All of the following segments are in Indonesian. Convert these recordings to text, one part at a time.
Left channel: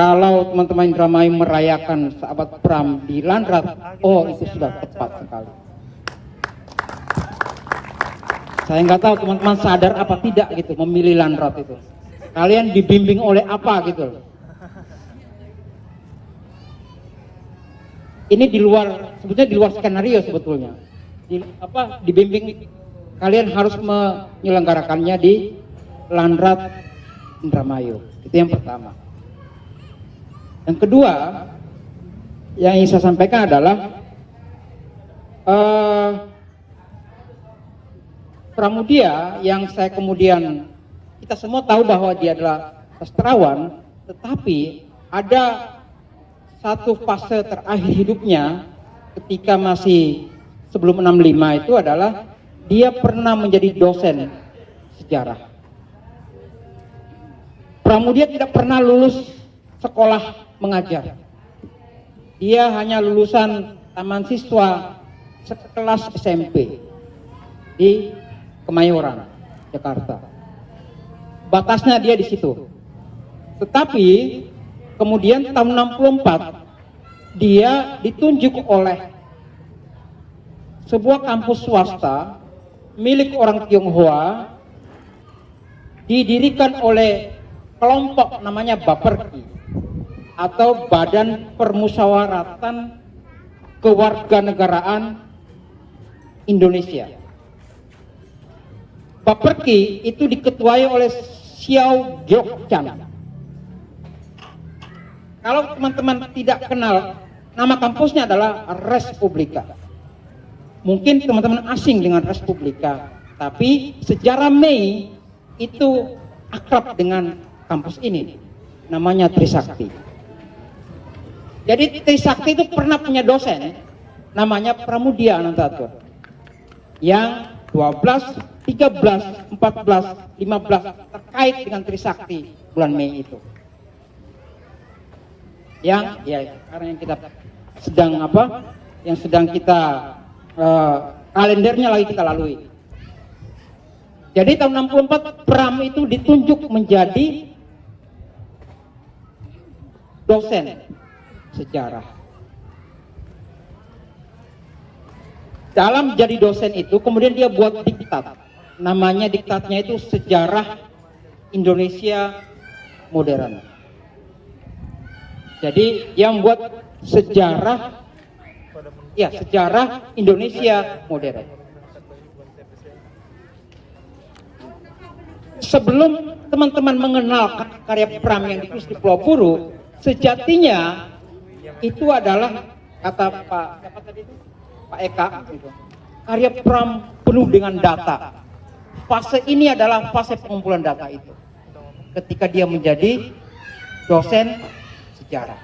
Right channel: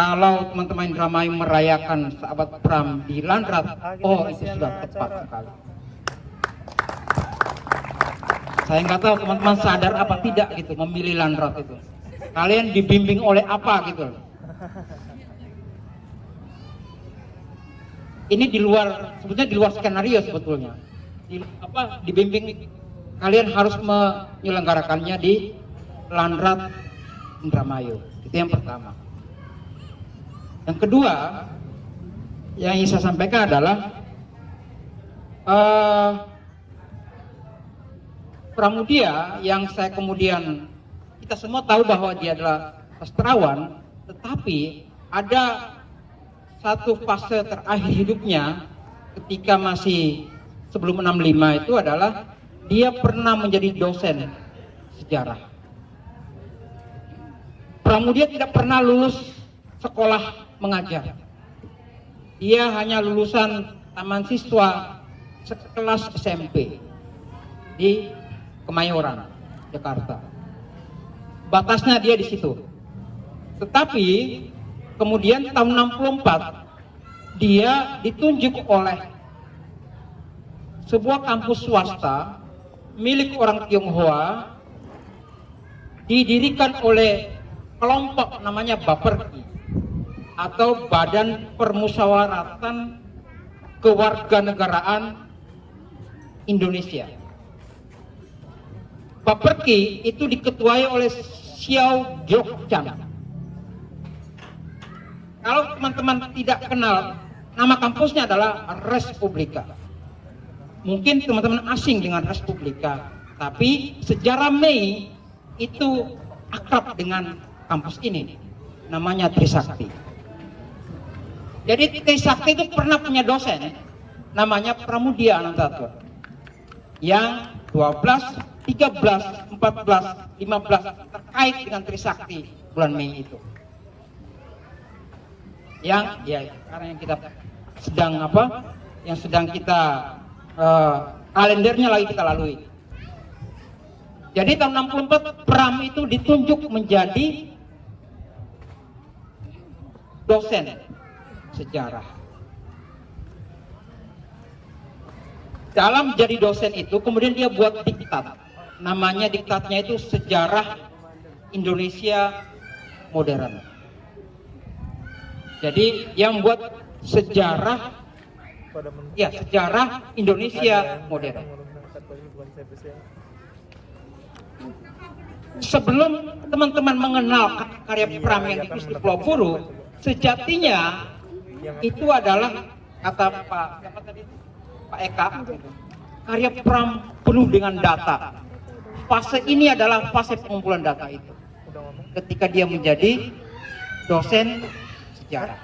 kalau teman-teman Indramayu merayakan sahabat Pram di Landrat, oh itu sudah tepat sekali. Saya nggak tahu teman-teman sadar apa tidak gitu memilih Landrat itu. Kalian dibimbing oleh apa gitu? Ini di luar, sebetulnya di luar skenario sebetulnya. Dibimbing kalian harus menyelenggarakannya di Landrat Indramayu. Itu yang pertama. Yang kedua yang ingin saya sampaikan adalah Pramudia yang saya kemudian, kita semua tahu bahwa dia adalah sastrawan, tetapi ada satu fase terakhir hidupnya ketika masih sebelum 65 itu adalah dia pernah menjadi dosen sejarah. Pramudia tidak pernah lulus sekolah mengajar. Dia hanya lulusan taman siswa sekelas SMP di Kemayoran, Jakarta. Batasnya dia di situ. Tetapi kemudian tahun 64 dia ditunjuk oleh sebuah kampus swasta milik orang Tionghoa, didirikan oleh kelompok namanya Baperki atau Badan Permusyawaratan Kewarganegaraan Indonesia. Baperki itu diketuai oleh Xiao Giokchan. Kalau teman-teman tidak kenal, nama kampusnya adalah Respublika. Mungkin teman-teman asing dengan Respublika, tapi sejarah Mei itu akrab dengan kampus ini. Namanya Trisakti. Jadi Trisakti itu pernah punya dosen, namanya Pramudia Anantatur, yang 12, 13, 14, 15 terkait dengan Trisakti bulan Mei itu. Ya, karena yang kita sedang yang sedang kita kalendernya lagi kita lalui. Jadi tahun 64 Pram itu ditunjuk menjadi dosen sejarah. Dalam jadi dosen itu kemudian dia buat diktat. Namanya diktatnya itu Sejarah Indonesia Modern. Jadi yang buat sejarah Indonesia modern. Sebelum teman-teman mengenal karya Pram yang ditulis di Pulau Buru, sejatinya itu adalah kata Pak Eka, karya Pram penuh dengan data. Fase ini adalah fase pengumpulan data itu. Ketika dia menjadi dosen sejarah.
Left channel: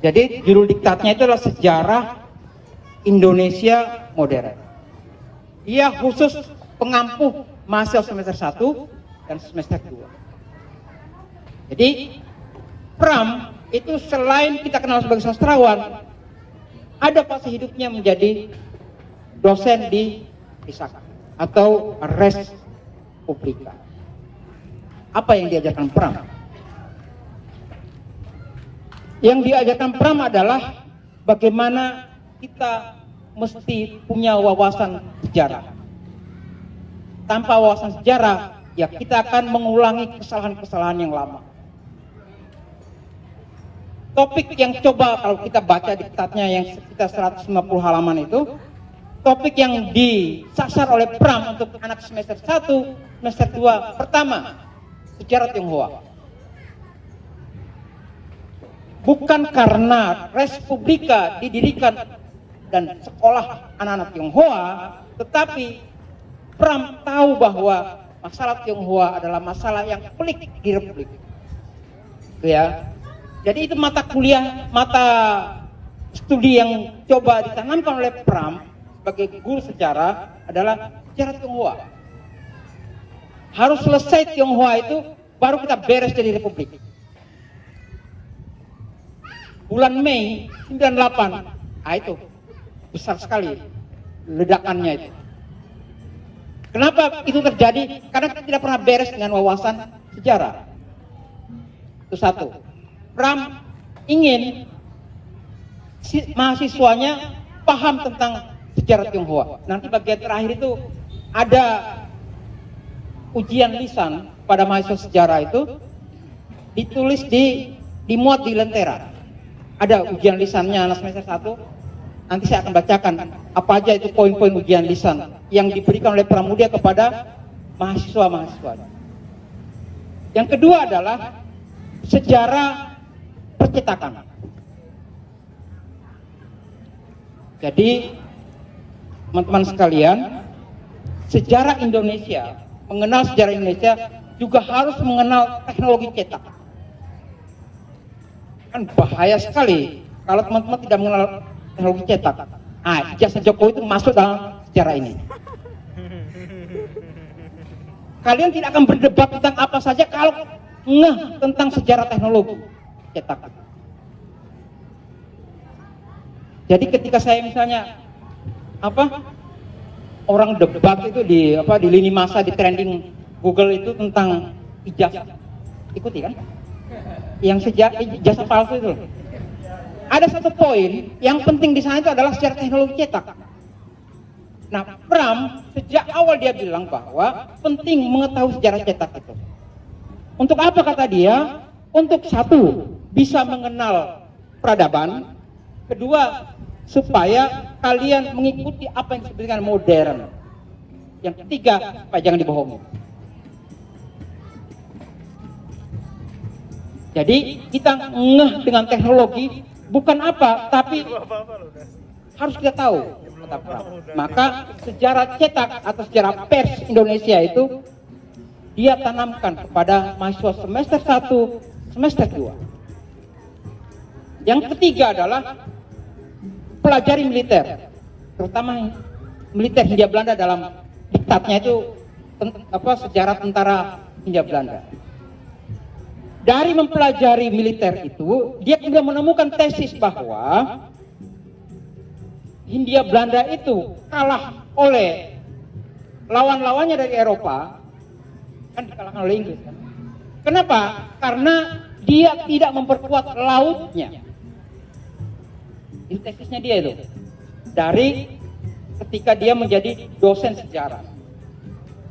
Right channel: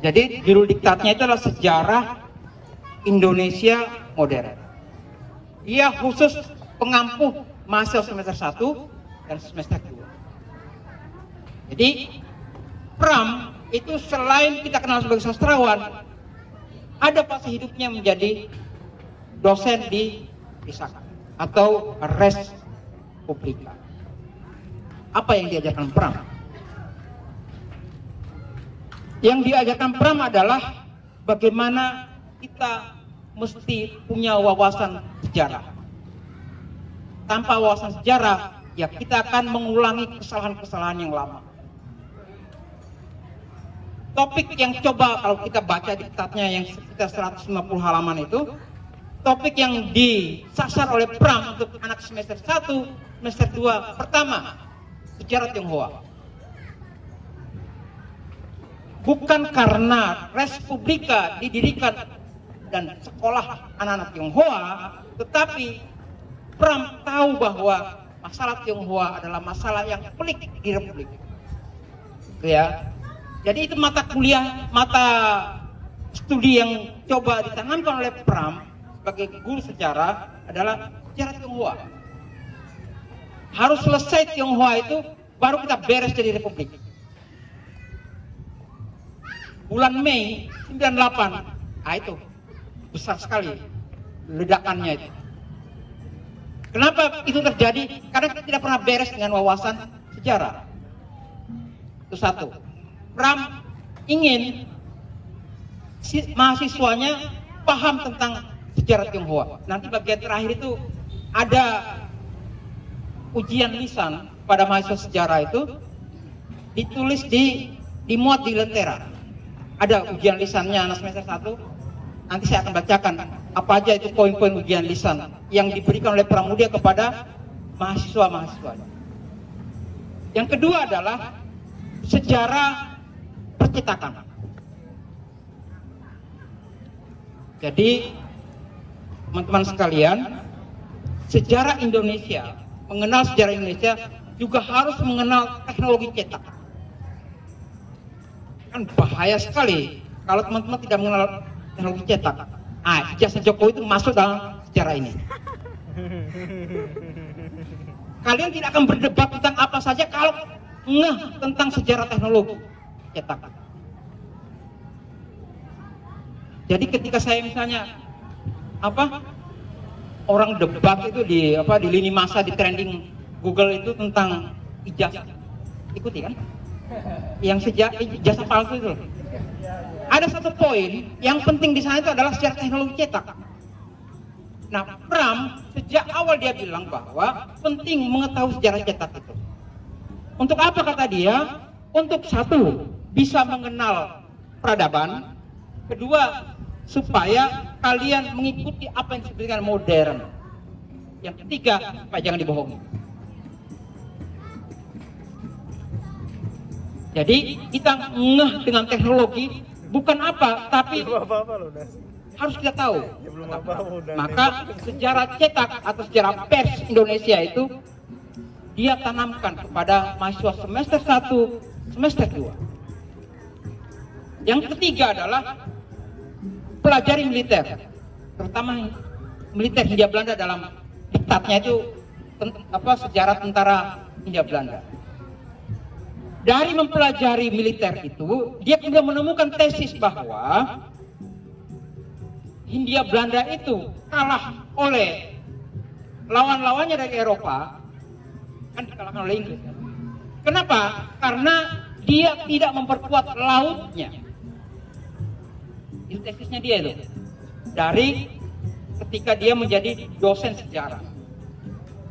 Jadi judul diktatnya itu adalah Sejarah Indonesia Modern. Dia khusus pengampu mahasiswa semester 1 dan semester 2. Jadi Pram itu selain kita kenal sebagai sastrawan, ada fase hidupnya menjadi dosen di Trisakti atau Respublika. Apa yang diajarkan Pram? Yang diajarkan Pram adalah bagaimana kita mesti punya wawasan sejarah. Tanpa wawasan sejarah, ya kita akan mengulangi kesalahan-kesalahan yang lama. Topik yang coba kalau kita baca diktatnya yang sekitar 150 halaman itu, topik yang disasar oleh Pram untuk anak semester 1, semester 2, pertama, sejarah Tionghoa. Bukan karena Respublika didirikan dan sekolah anak-anak Tionghoa, tetapi Pram tahu bahwa masalah Tionghoa adalah masalah yang pelik di Republik. Ya. Jadi itu mata kuliah, mata studi yang coba ditanamkan oleh Pram sebagai guru sejarah adalah sejarah Tionghoa. Harus selesai Tionghoa itu baru kita beres jadi Republik. Bulan Mei 98, itu besar sekali ledakannya itu. Kenapa itu terjadi? Karena kita tidak pernah beres dengan wawasan sejarah. Itu satu. Pram ingin mahasiswanya paham tentang sejarah Tionghoa. Nanti bagian terakhir itu ada ujian lisan pada mahasiswa sejarah itu, ditulis dimuat di Lentera. Ada ujian lisannya anak semester 1. Nanti saya akan bacakan apa aja itu poin-poin ujian lisan yang diberikan oleh Pramudia kepada mahasiswa-mahasiswa. Yang kedua adalah sejarah percetakan. Jadi teman-teman sekalian, sejarah Indonesia, mengenal sejarah Indonesia juga harus mengenal teknologi cetak. Kan bahaya sekali kalau teman-teman tidak mengenal teknologi cetak. Ijazah Jokowi itu masuk dalam sejarah ini. Kalian tidak akan berdebat tentang apa saja kalau ngeh tentang sejarah teknologi cetak. Jadi ketika saya misalnya orang debat itu di lini masa, di trending Google itu tentang ijazah, ikuti kan? Yang ijazah palsu itu. Ada satu poin yang penting di sana itu adalah sejarah teknologi cetak. Nah, Pram sejak awal dia bilang bahwa penting mengetahui sejarah cetak itu. Untuk apa kata dia? Untuk satu, bisa mengenal peradaban. Kedua, supaya kalian mengikuti apa yang disebut dengan modern. Yang ketiga, jangan dibohongi. Jadi kita ngeh dengan teknologi bukan apa, tapi harus kita tahu. Maka sejarah cetak atau sejarah pers Indonesia itu dia tanamkan kepada mahasiswa semester 1, semester 2. Yang ketiga adalah pelajari militer, terutama militer Hindia Belanda dalam diktatnya itu sejarah tentara Hindia Belanda. Dari mempelajari militer itu, dia kemudian menemukan tesis bahwa Hindia Belanda itu kalah oleh lawan-lawannya dari Eropa, kan dikalahkan oleh Inggris. Kan? Kenapa? Karena dia tidak memperkuat lautnya. Ini tesisnya dia itu. Dari ketika dia menjadi dosen sejarah.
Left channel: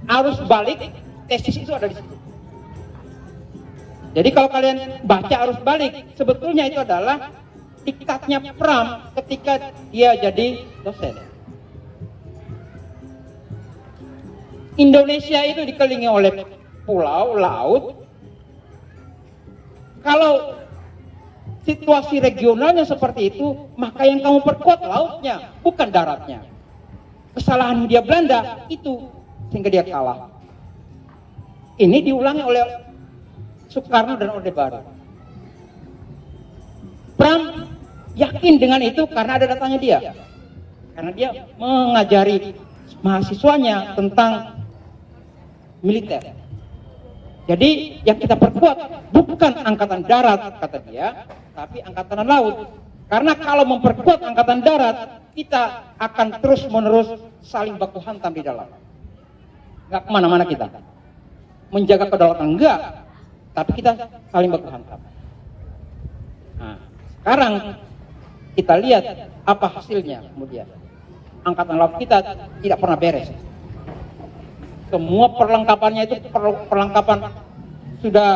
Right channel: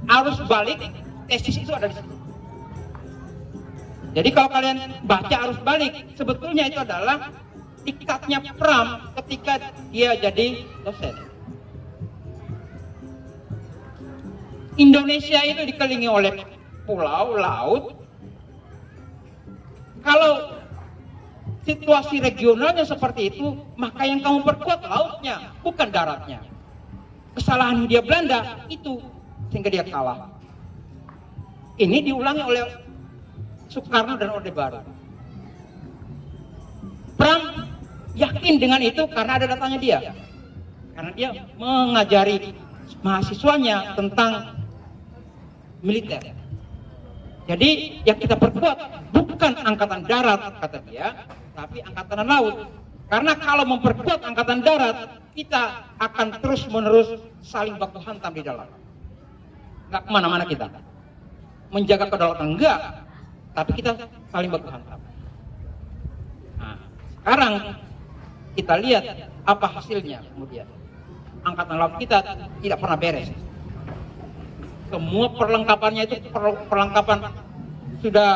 Arus balik, tesis itu ada di situ. Jadi kalau kalian baca arus balik, sebetulnya itu adalah diktatnya Pram ketika dia jadi dosen. Indonesia itu dikelilingi oleh pulau, laut. Kalau situasi regionalnya seperti itu, maka yang kamu perkuat lautnya, bukan daratnya. Kesalahan Hindia Belanda itu sehingga dia kalah. Ini diulangi oleh Soekarno dan Orde Baru. Pram yakin dengan itu karena ada datanya dia. Karena dia mengajari mahasiswanya tentang militer. Jadi yang kita perkuat bukan angkatan darat, kata dia, tapi angkatan laut. Karena kalau memperkuat angkatan darat, kita akan terus-menerus saling baku hantam di dalam. Nggak kemana-mana kita. Menjaga kedaulatan enggak, tapi kita saling baku hantam. Nah, sekarang kita lihat apa hasilnya kemudian. Angkatan laut kita tidak pernah beres. Semua perlengkapannya itu perlengkapan sudah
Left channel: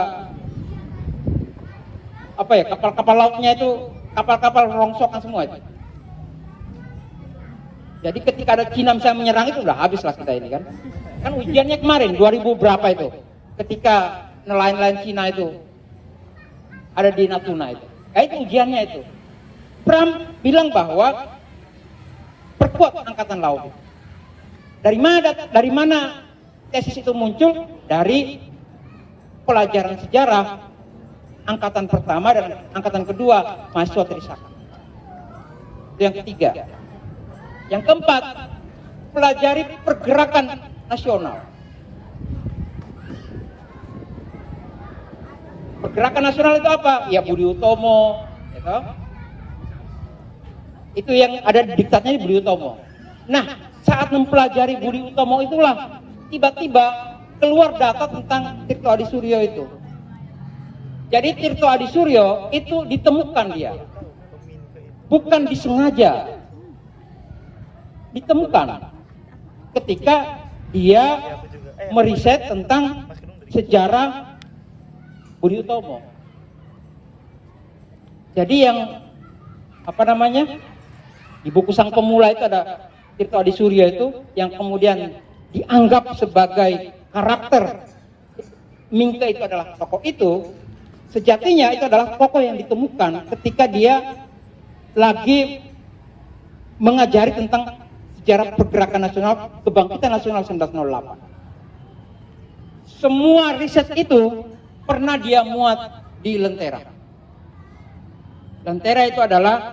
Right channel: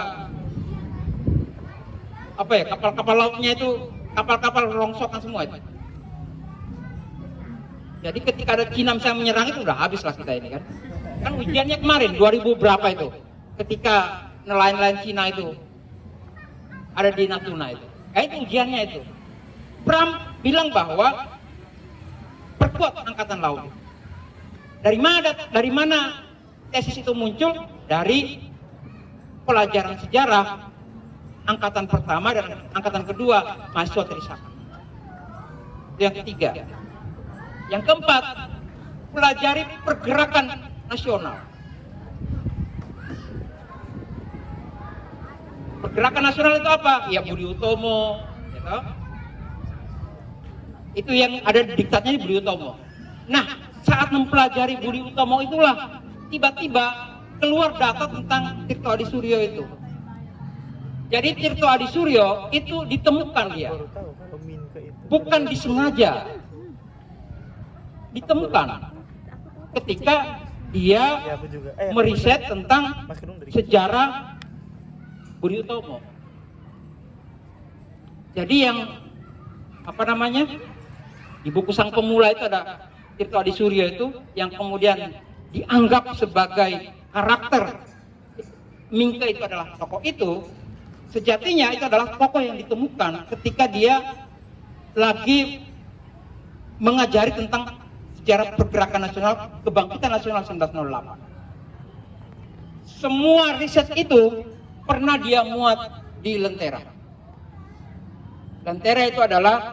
kapal-kapal lautnya itu kapal-kapal rongsokan semua itu. Jadi ketika ada Cina misalnya menyerang itu udah habislah kita ini kan. Kan ujiannya kemarin 2000 berapa itu. Ketika nelayan-nelayan Cina itu ada di Natuna itu. Itu ujiannya itu. Pram bilang bahwa perkuat angkatan laut. Dari mana tesis itu muncul? Dari pelajaran sejarah angkatan pertama dan angkatan kedua mahasiswa Trisakti. Itu yang ketiga. Yang keempat, pelajari pergerakan nasional. Pergerakan nasional itu apa? Ya Budi Utomo, gitu. Itu yang ada di diktatnya Budi Utomo. Nah, saat mempelajari Budi Utomo itulah tiba-tiba keluar data tentang Tirto Adi Suryo itu. Jadi Tirto Adisuryo itu ditemukan dia, bukan disengaja, ditemukan ketika dia meriset tentang sejarah Budi Utomo. Jadi yang di buku Sang Pemula itu ada Tirto Adisuryo itu yang kemudian dianggap sebagai karakter Mingke itu adalah tokoh itu. Sejatinya itu adalah tokoh yang ditemukan ketika dia lagi mengajari tentang sejarah pergerakan nasional, kebangkitan nasional 1908. Semua riset itu pernah dia muat di Lentera. Lentera itu adalah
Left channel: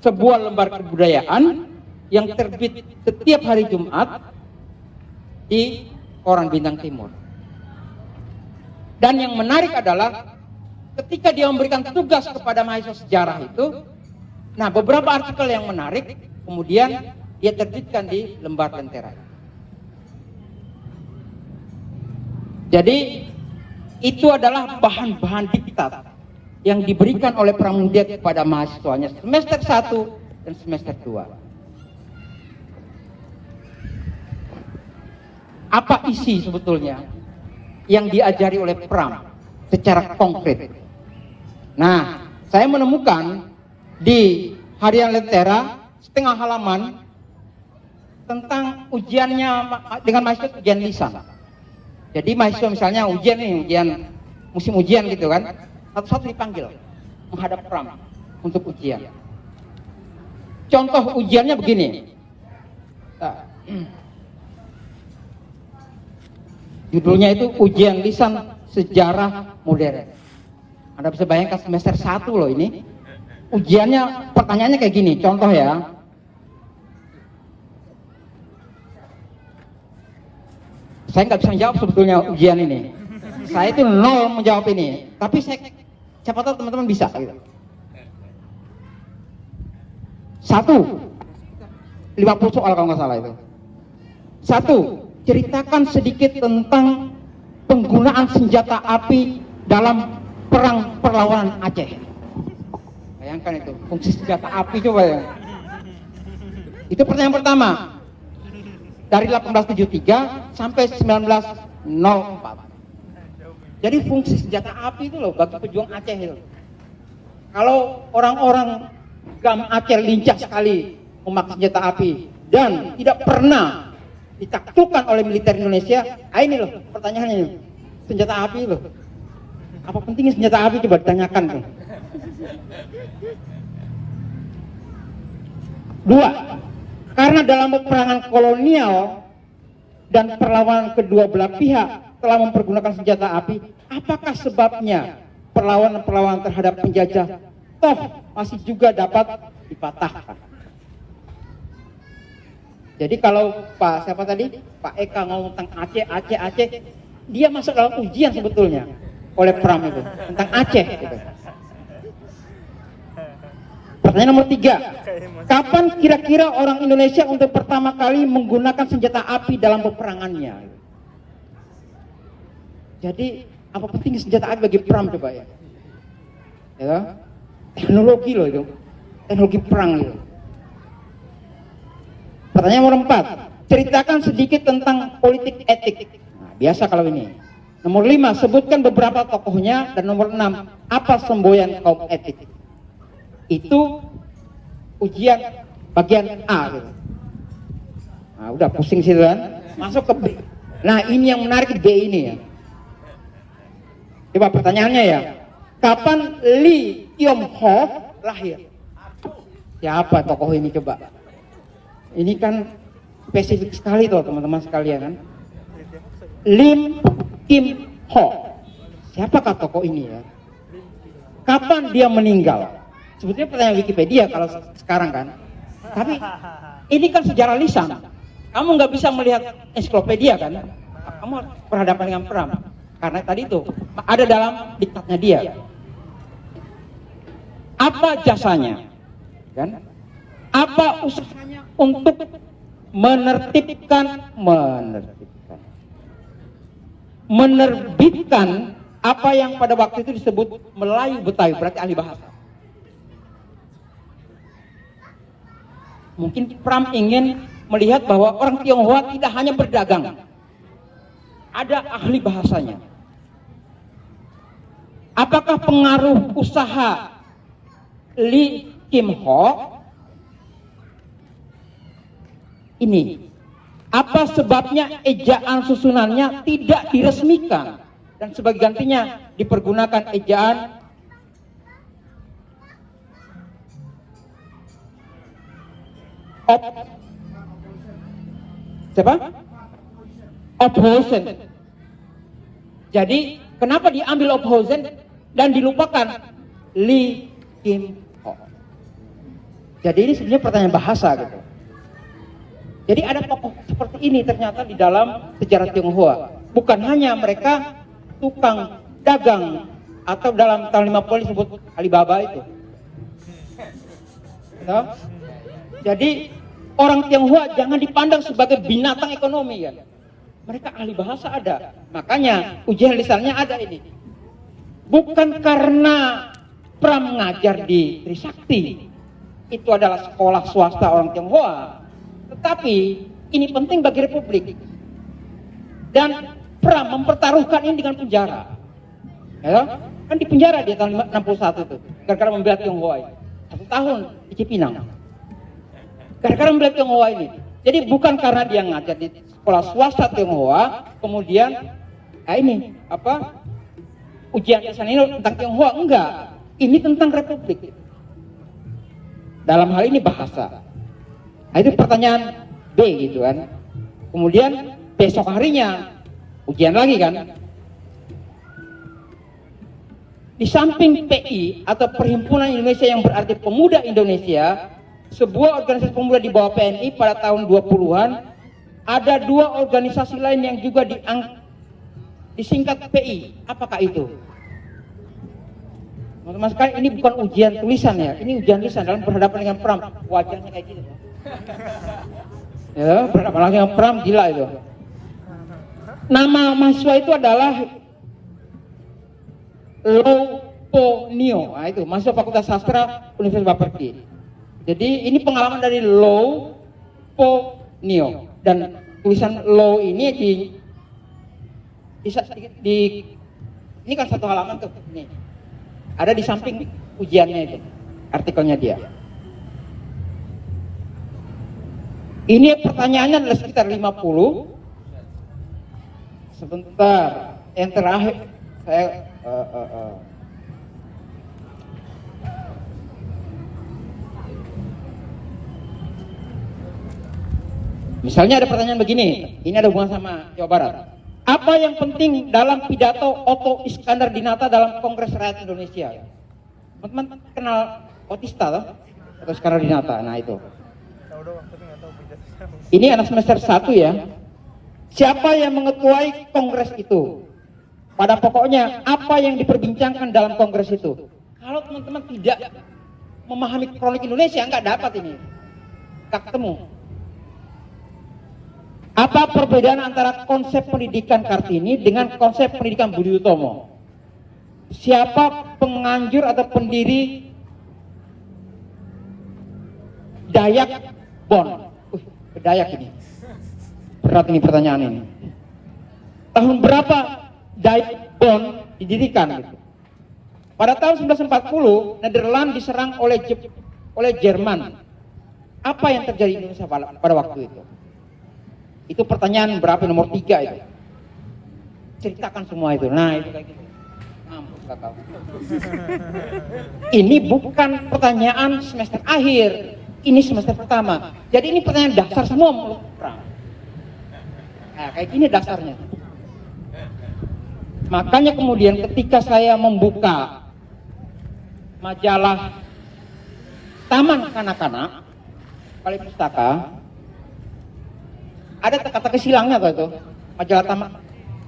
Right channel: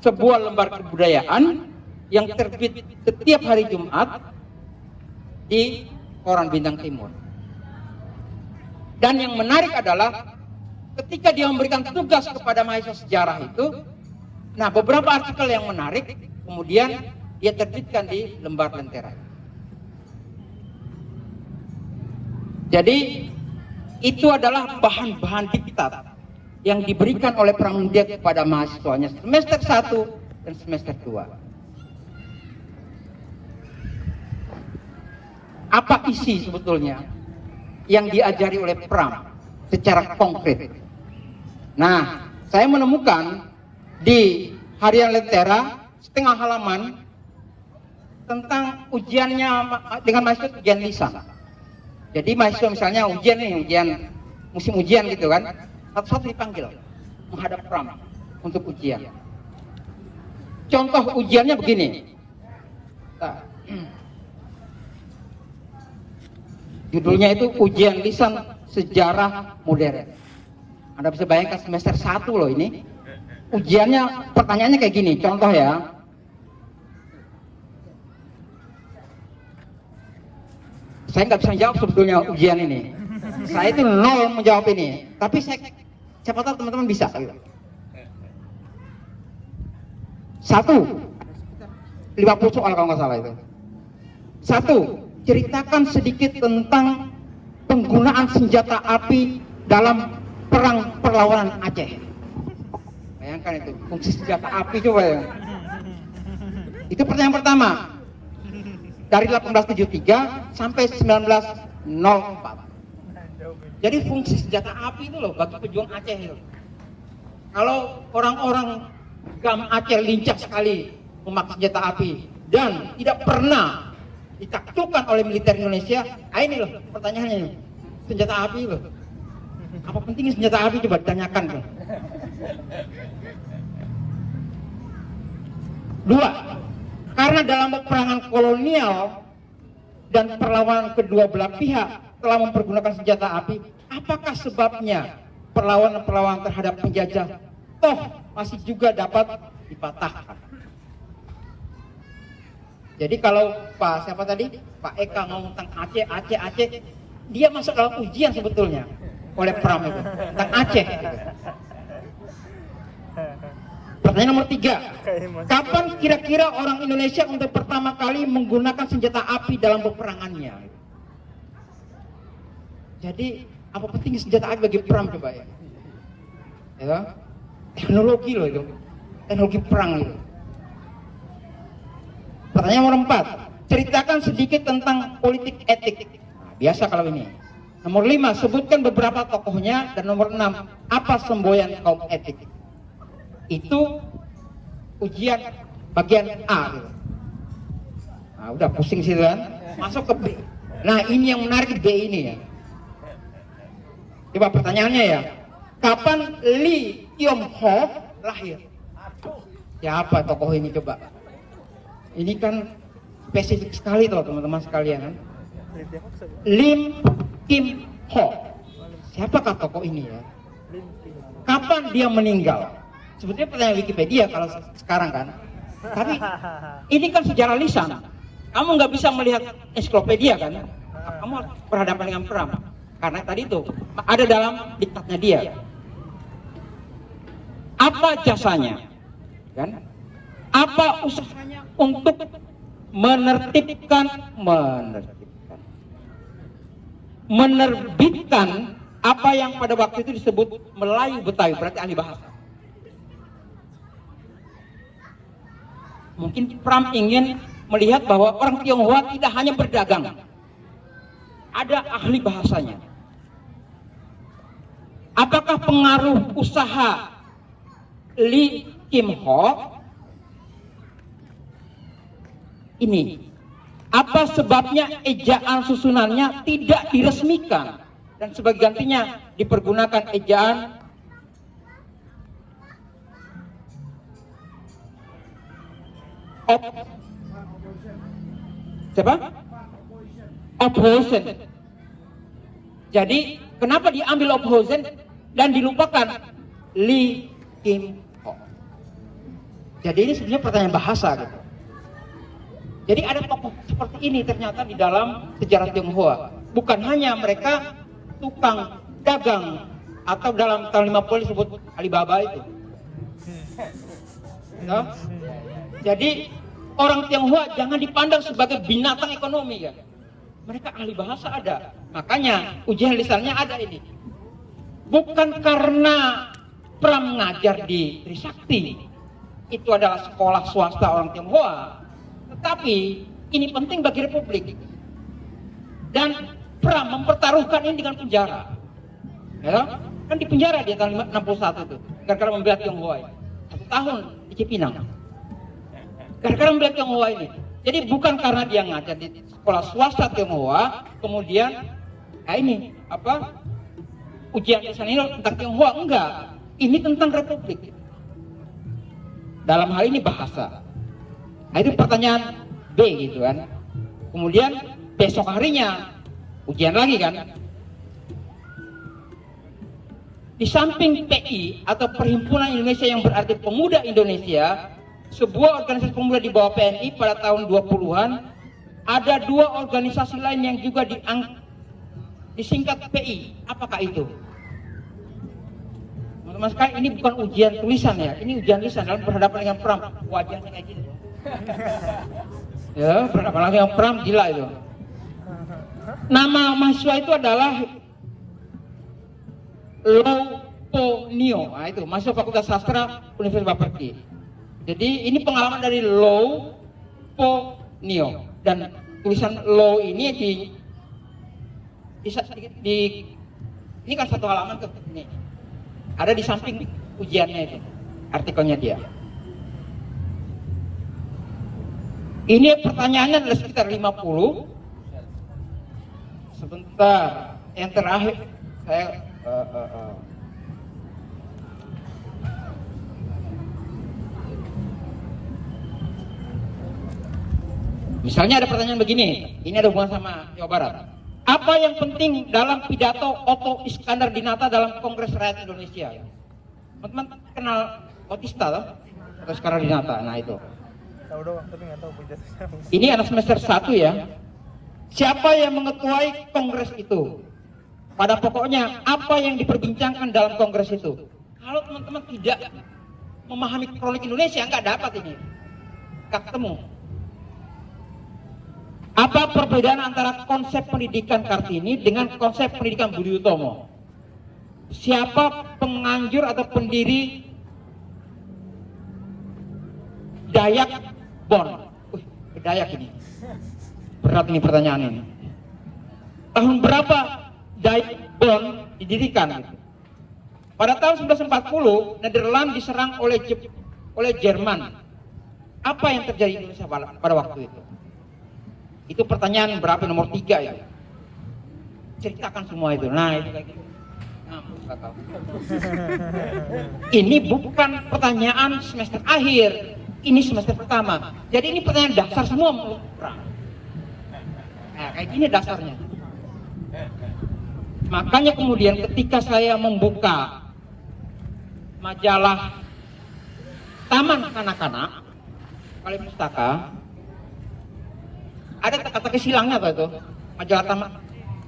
sebuah lembar kebudayaan yang terbit setiap hari Jumat di Koran Bintang Timur. Dan yang menarik adalah ketika dia memberikan tugas kepada mahasiswa sejarah itu, nah beberapa artikel yang menarik kemudian dia terbitkan di lembar Lentera. Jadi itu adalah bahan-bahan diktat yang diberikan oleh Pramudia kepada mahasiswanya semester 1 dan semester 2. Apa isi sebetulnya yang diajari oleh Pram secara konkret? Nah, saya menemukan di Harian Lentera setengah halaman tentang ujiannya dengan mahasiswa ujian lisan. Jadi mahasiswa misalnya ujian musim ujian gitu kan, satu-satu dipanggil menghadap Pram untuk ujian. Contoh ujiannya begini. Judulnya itu ujian lisan sejarah modern. Anda bisa bayangkan semester 1 loh ini. Ujiannya, pertanyaannya kayak gini, contoh ya. Saya nggak bisa jawab sebetulnya ujian ini. Saya itu 0 menjawab ini. Tapi siapa tahu teman-teman bisa. Gitu. 1, 50 soal kalau nggak salah itu. 1. Ceritakan sedikit tentang penggunaan senjata api dalam perang perlawanan Aceh. Bayangkan itu, fungsi senjata api juga ya. Itu pertanyaan pertama. Dari 1873 sampai 1904. Jadi fungsi senjata api itu loh bagi pejuang Aceh itu. Kalau orang-orang Gam Aceh lincah sekali memakai senjata api dan tidak pernah ditaklukkan oleh militer Indonesia, ini loh pertanyaannya, senjata api loh. Apa pentingnya senjata api, coba ditanyakan tuh. 2. Karena dalam peperangan kolonial dan perlawanan kedua belah pihak telah mempergunakan senjata api, apakah sebabnya perlawanan terhadap penjajah toh masih juga dapat dipatahkan? Jadi kalau Pak Eka ngomong tentang Aceh, dia masuk dalam ujian sebetulnya oleh Pram itu tentang Aceh. Gitu. Pertanyaan nomor 3, kapan kira-kira orang Indonesia untuk pertama kali menggunakan senjata api dalam peperangannya? Jadi apa penting senjata api bagi Pram coba ya? Ya, teknologi loh itu, teknologi perang itu. Pertanyaan nomor 4, ceritakan sedikit tentang politik etik. Biasa kalau ini. Nomor 5, sebutkan beberapa tokohnya. Dan nomor 6, apa semboyan kaum etik? Itu ujian bagian A gitu. Nah, udah pusing situ kan. Masuk ke B. Nah, ini yang menarik, B ini ya. Coba pertanyaannya ya. Kapan Lee Kyung Ho lahir? Siapa tokoh ini coba? Ini kan spesifik sekali tuh teman-teman sekalian kan. Lim Kim Ho. Siapakah tokoh ini ya? Kapan dia meninggal? Sebetulnya pertanyaan Wikipedia kalau sekarang kan. Tapi ini kan sejarah lisan. Kamu nggak bisa melihat ensiklopedia kan? Kamu berhadapan dengan Pram. Karena tadi itu ada dalam diktatnya dia. Apa jasanya? Kan? Apa usahanya untuk menertibkan menerbitkan apa yang pada waktu itu disebut Melayu Betawi, berarti ahli bahasa. Mungkin Pram ingin melihat bahwa orang Tionghoa tidak hanya berdagang, ada ahli bahasanya. Apakah pengaruh usaha Lee Kim Ho ini? Apa sebabnya ejaan susunannya tidak diresmikan dan sebagai gantinya dipergunakan ejaan Ophausen. Jadi kenapa diambil Ophausen dan dilupakan Lee Kim Ho? Jadi ini sebenarnya pertanyaan bahasa gitu. Jadi ada tokoh seperti ini ternyata di dalam sejarah Tionghoa. Bukan hanya mereka tukang dagang atau dalam tahun 50 disebut Alibaba itu. No? Jadi orang Tionghoa jangan dipandang sebagai binatang ekonomi ya. Mereka ahli bahasa ada. Makanya ujian lisannya ada ini. Bukan karena Pram mengajar di Trisakti, itu adalah sekolah swasta orang Tionghoa. Tetapi ini penting bagi Republik. Dan Pram mempertaruhkan ini dengan penjara. Ya, kan di penjara dia tahun 61 itu. Gara-gara membela Tionghoa ini. 1 tahun di Cipinang. Gara-gara membela Tionghoa ini. Jadi bukan karena dia ngajar di sekolah swasta Tionghoa, kemudian ujian lisan ini tentang Tionghoa, enggak. Ini tentang Republik. Dalam hal ini bahasa. Nah, itu pertanyaan B gitu kan. Kemudian besok harinya ujian lagi kan. Di samping PI atau Perhimpunan Indonesia yang berarti Pemuda Indonesia, sebuah organisasi pemuda di bawah PNI pada tahun 20-an, ada 2 organisasi lain yang juga disingkat PI. Apakah itu? Teman-teman sekalian, ini bukan ujian tulisan ya, ini ujian lisan dalam berhadapan dengan Pram. Wajahnya kayak gitu. Ya, berhadapan dengan Pram, gila itu. Nama mahasiswa itu adalah Lo Po Nio. Nah itu, mahasiswa Fakultas Sastra Universitas Bapeki. Jadi ini pengalaman dari Lo Po Nio. Dan tulisan Lo ini ini kan 1 halaman tuh ini. Ada di samping ujiannya itu, artikelnya dia. Ini pertanyaannya adalah sekitar 50. Sebentar, yang terakhir saya misalnya ada pertanyaan begini, ini ada hubungan sama Jawa Barat. Apa yang penting dalam pidato Otto Iskandar Dinata dalam Kongres Rakyat Indonesia? Teman-teman kenal Otista lah? Otto Iskandar Dinata, nah itu. Ini anak semester 1 ya. Siapa yang mengetuai kongres itu? Pada pokoknya apa yang diperbincangkan dalam kongres itu? Kalau teman-teman tidak memahami kronik Indonesia, nggak dapat ini. Nggak ketemu. Apa perbedaan antara konsep pendidikan Kartini dengan konsep pendidikan Budi Utomo? Siapa penganjur atau pendiri Dayak Bon? Dayak ini. Berat ini pertanyaan ini. Tahun berapa Dayak Bon didirikan? Pada tahun 1940, Nederland diserang oleh Jerman. Apa yang terjadi di Indonesia pada waktu itu? Itu pertanyaan berapa, nomor 3 itu. Ceritakan semua itu. Nah itu kayak gitu. Ini bukan pertanyaan semester akhir, ini semester pertama. Jadi ini pertanyaan dasar semua menurut Pram. Nah kayak gini dasarnya. Makanya kemudian ketika saya membuka majalah Taman Kanak-kanak Kali Pustaka, ada teka-teki silangnya apa itu? Majalah Taman,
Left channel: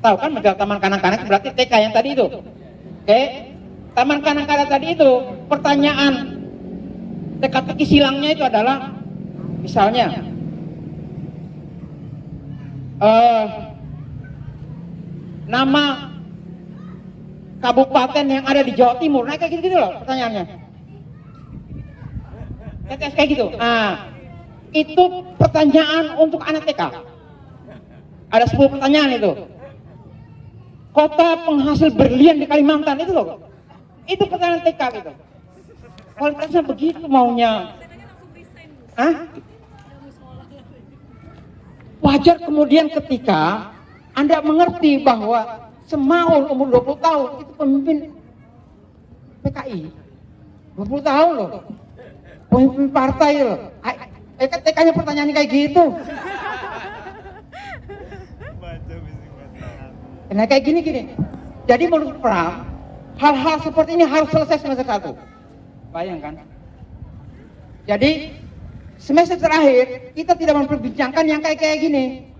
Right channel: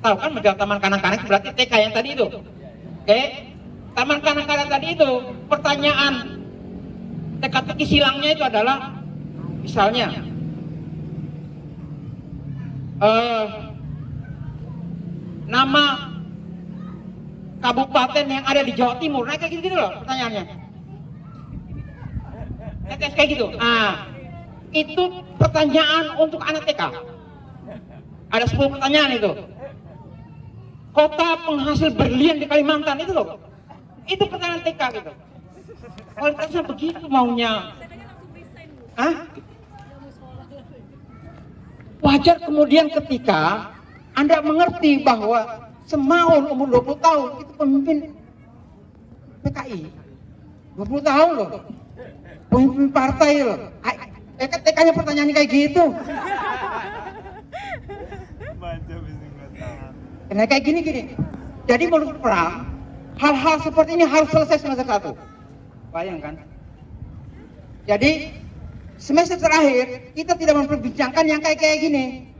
tahu kan majalah Taman Kanak-kanak berarti TK yang tadi itu. Oke, Taman Kanak-kanak tadi itu pertanyaan teka-teki silangnya itu adalah misalnya nama kabupaten yang ada di Jawa Timur. Nah kayak gitu loh pertanyaannya. Kayak gitu. Nah, itu pertanyaan untuk anak TK. Ada 10 pertanyaan itu. Kota penghasil berlian di Kalimantan itu loh. Itu pertanyaan TK gitu. Kualitasnya begitu maunya. Hah? Wajar kemudian ketika Anda mengerti bahwa Semaun umur 20 tahun itu pemimpin PKI. 20 tahun loh. Pemimpin partai loh. TK-nya pertanyaannya kayak gitu. Nah kayak gini. Jadi menurut Pram, hal-hal seperti ini harus selesai semester 1. Bayangkan. Jadi semester terakhir kita tidak memperbincangkan yang kayak gini.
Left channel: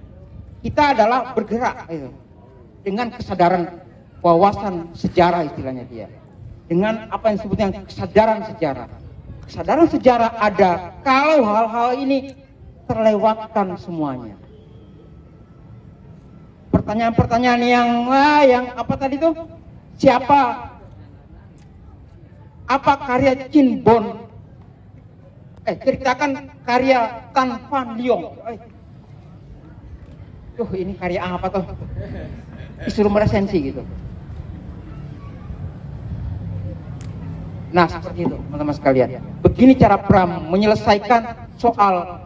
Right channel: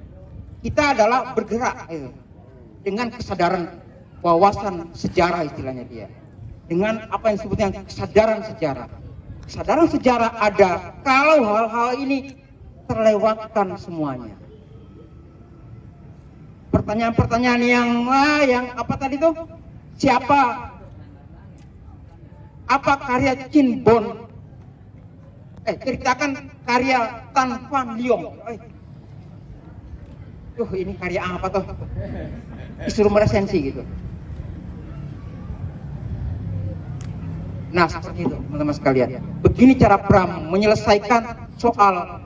Kita adalah bergerak gitu, dengan kesadaran wawasan sejarah istilahnya dia. Dengan apa yang disebutnya kesadaran sejarah. Kesadaran sejarah ada kalau hal-hal ini terlewatkan semuanya. Pertanyaan-pertanyaan yang apa tadi tuh? Siapa? Apa karya Chin Bon? Ceritakan karya Tan Van Liong. Ini karya apa tuh? Disuruh meresensi gitu. Nah seperti itu teman-teman sekalian. Begini cara Pram menyelesaikan soal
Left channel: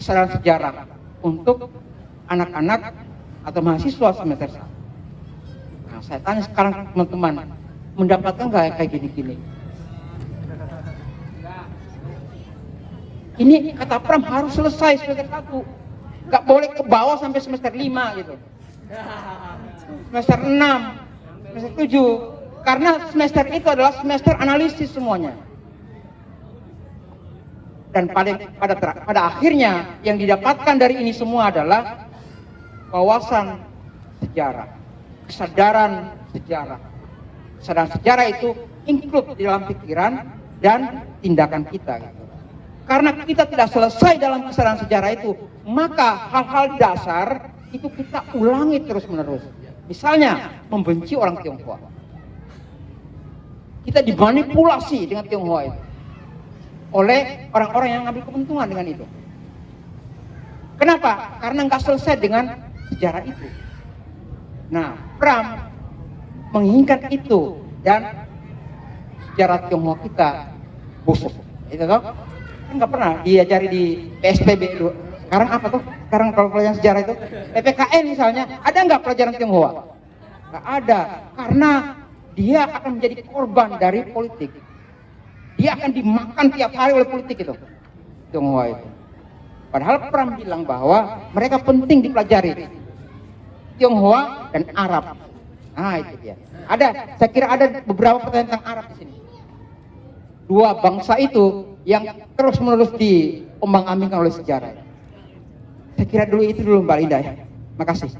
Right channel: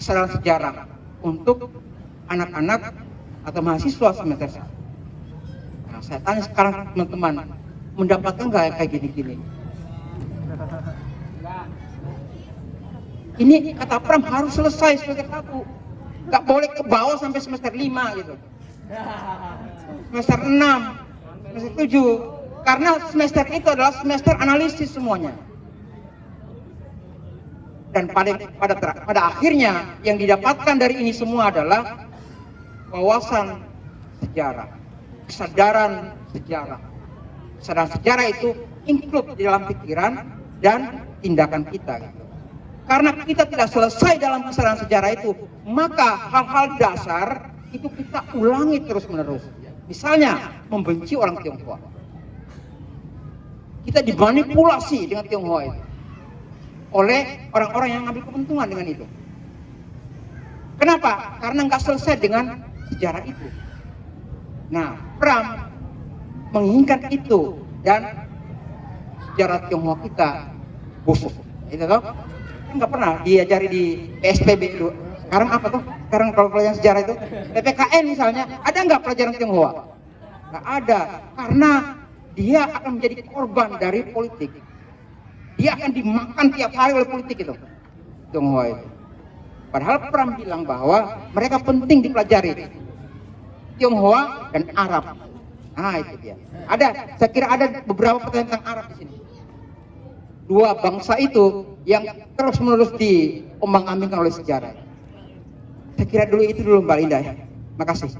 kesadaran sejarah untuk anak-anak atau mahasiswa semester 1. Nah saya tanya sekarang teman-teman, mendapatkan nggak kayak gini-gini? Ini kata Pram harus selesai semester 1. Nggak boleh ke bawah sampai semester 5 gitu. Semester 6, semester 7. Karena semester itu adalah semester analisis semuanya. Dan pada akhirnya yang didapatkan dari ini semua adalah wawasan sejarah, kesadaran sejarah. Kesadaran sejarah itu include di dalam pikiran dan tindakan kita. Gitu. Karena kita tidak selesai dalam kesadaran sejarah itu, maka hal-hal dasar itu kita ulangi terus-menerus. Misalnya membenci orang Tionghoa. Kita dimanipulasi dengan Tionghoa itu oleh orang-orang yang ngambil keuntungan dengan itu. Kenapa? Karena nggak selesai dengan sejarah itu. Nah, Pram menginginkan itu dan sejarah Tionghoa kita busuk. Itu toh? Kan nggak pernah diajari di PSPB dulu. Sekarang apa tuh? Sekarang kalau pelajaran sejarah itu PPKN misalnya, ada nggak pelajaran Tionghoa? Nggak ada, karena dia akan menjadi korban dari politik. Dia akan dimakan tiap hari oleh politik itu. Tionghoa itu. Padahal Pram bilang bahwa mereka penting dipelajari. Tionghoa dan Arab. Nah itu dia. Saya kira ada beberapa pertanyaan tentang Arab di sini. Dua bangsa itu yang terus-menerus diombang-ambingkan oleh sejarah. Saya kira itu dulu Mbak Linda ya. Makasih.